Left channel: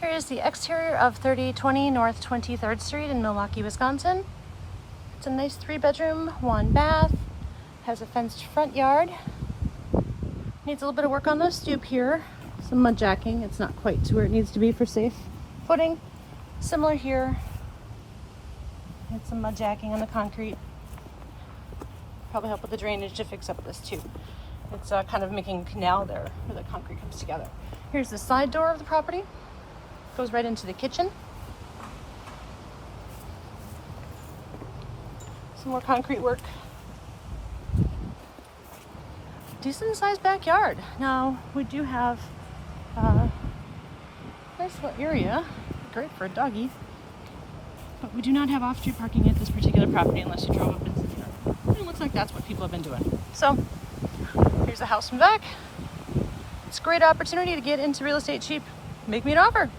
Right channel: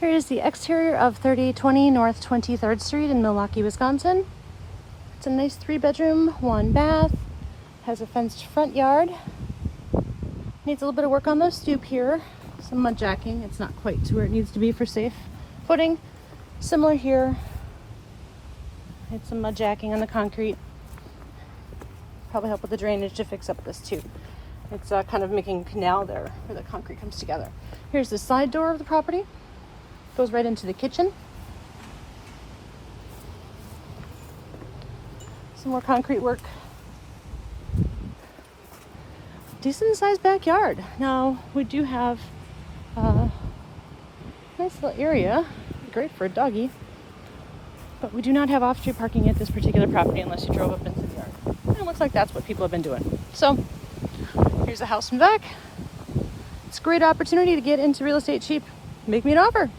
Here's the exterior of 3820 North 23rd Street in Milwaukee, Wisconsin. It's a nice 3-bedroom, 1 bath. Has a fenced front yard. Needs a little bit of work on the stoop here. Some mud jacking. It's not quite to where it needs to be for safe footing. Similar here. Need some mud jacking on the concrete. Probably help with the drainage to fix up this too. It's kind of making a canal there where the concrete comes together. Here's the side door of the property. Goes right into the kitchen. Some more concrete work. Decent sized backyard. Now we do have here's the area. Great for a doggy. But we do not have off-street parking at this particular property unless you drove up into the yard. And it looks like that's what people have been doing. So here's the house from the back. It's a great opportunity to get into real estate cheap. Make me an offer.